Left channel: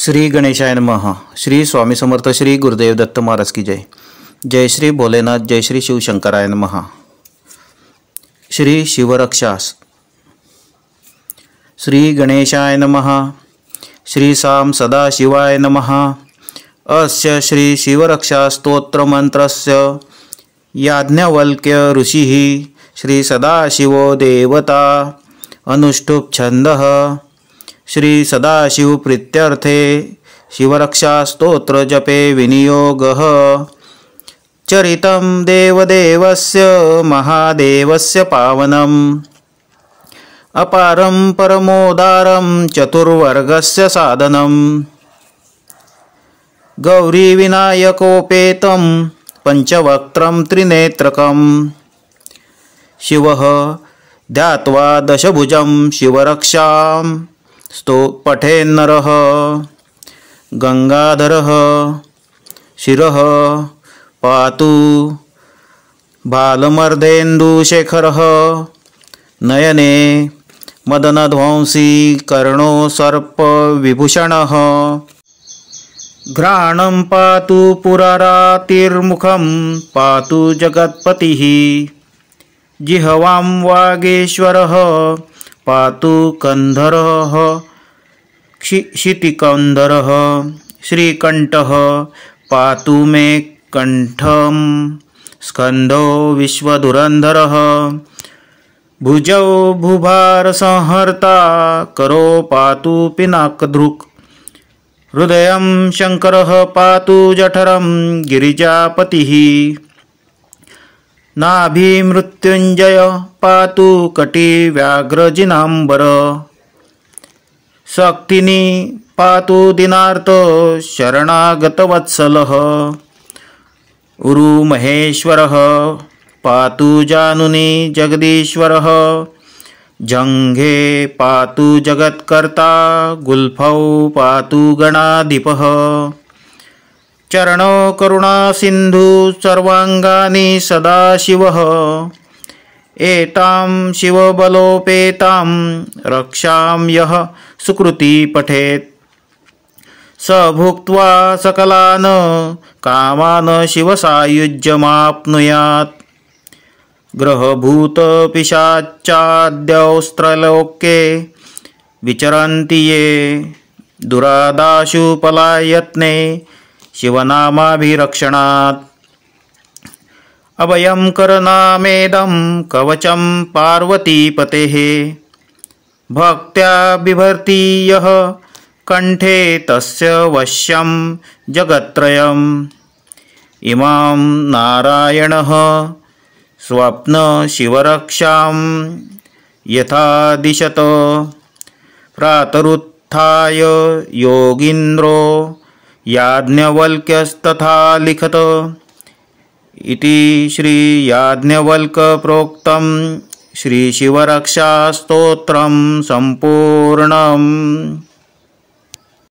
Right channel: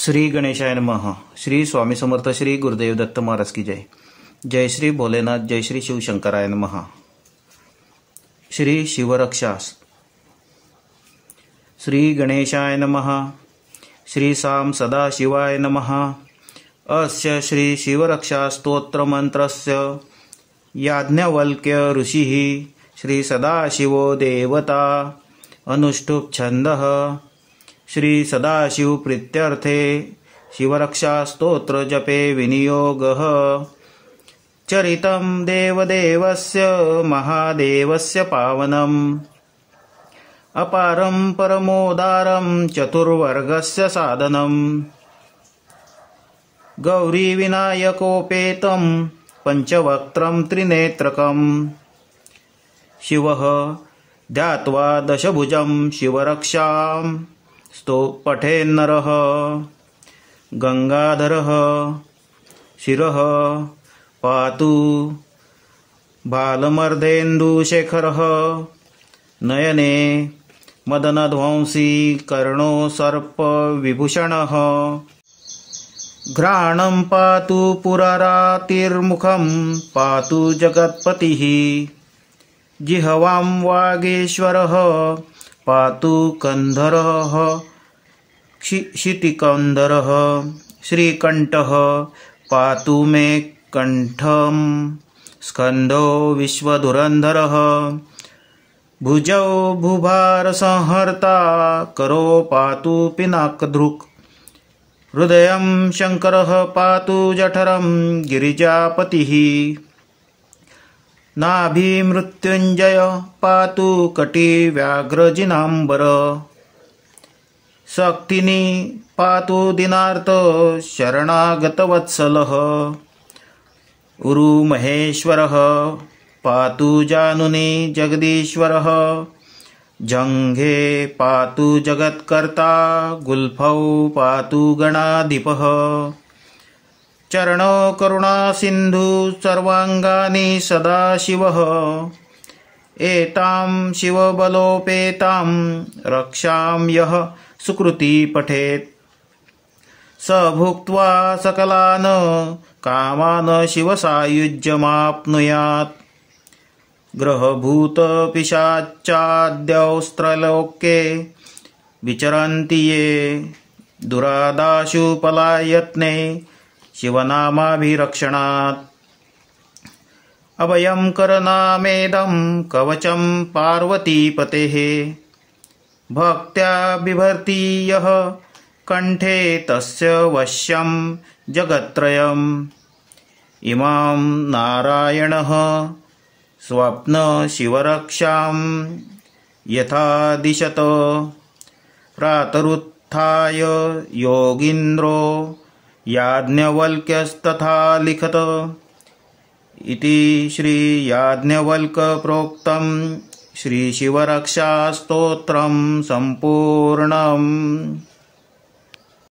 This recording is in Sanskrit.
श्री गणेशाय नमः। श्री स्वामी समर्थ श्री गुरुदेव दत्त महाराज की जय। जय श्री भोलेनाथ, जय श्री शिवशंकराय नमः। श्री शिवरक्षा। श्री गणेशाय नमः। श्री साम सदाशिवाय नमः। अस्य श्री शिवरक्षा स्तोत्र मंत्रस्य याज्ञवल्क्य ऋषिः श्री सदाशिवो देवता अनुष्टुप् छन्दः। श्री सदाशिव प्रीत्यर्थे शिवरक्षा स्तोत्र जपे विनियोगः। चरितं देवदेवस्य महादेवस्य पावनम् अपारं परमोदारं चतुर्वर्गस्य साधनम्। गौरी विनायकोपेतं पंचवक्त्रं त्रिनेत्रकम्। शिवः ध्यात्वा दशभुजं शिवरक्षां पठेन्नरः। गंगाधरः शिरः पातु बालमर्देन्दुशेखरः। नयने मदनध्वंसी कर्णो सर्पविभूषणः। घ्राणं पातु पुरारातिर्मुखं पातु जगत्पतिः। जिह्वां वागीश्वरः पातु कंधरः क्षितिकंधरः। श्रीकंठः पातु मे कंठं स्कंधो विश्वधुरंधरः। भुजौ भूभार संहर्ता करो पातु पिनाकधृक्। हृदयं शंकरः पातु जठरं गिरिजापतिः। नाभिमृत्युंजय पातु कटी व्याघ्रजिनांबर। शक्तिनी पातु दीनार्त शरणागतवत्सलः। उरुमहेश्वरः पातु जानुनी जगदीश्वरः। जंघे पातु जगत्कर्ता गुल्फौ पातु गणाधिपः। चरणो करुणा सिंधु सर्वांगानि सदाशिवः। एतां शिवबलोपेतां रक्षां यः सुकृति पठेत् स भुक्त्वा सकलान् कामान् शिवसायुज्यमाप्नुयात्। ग्रहभूत पिशाचाद्यौस्त्रलोके विचरन्ति ये दुरादाशु पलायत्ने शिवनामाभिरक्षणात्। अभयं करनामेदं कवचं पार्वतीपतेः। भक्त्या बिभर्ति यः कंठे तस्य वश्यं जगत्त्रयम्। इमां नारायणः स्वप्न शिवरक्षां यथा दिशत। प्रातरुत्थाय योगीन्द्रो याज्ञवल्क्यस्तथा लिखत। इति श्री याज्ञवल्क प्रोक्तं श्री शिवरक्षा स्तोत्रं संपूर्णम्।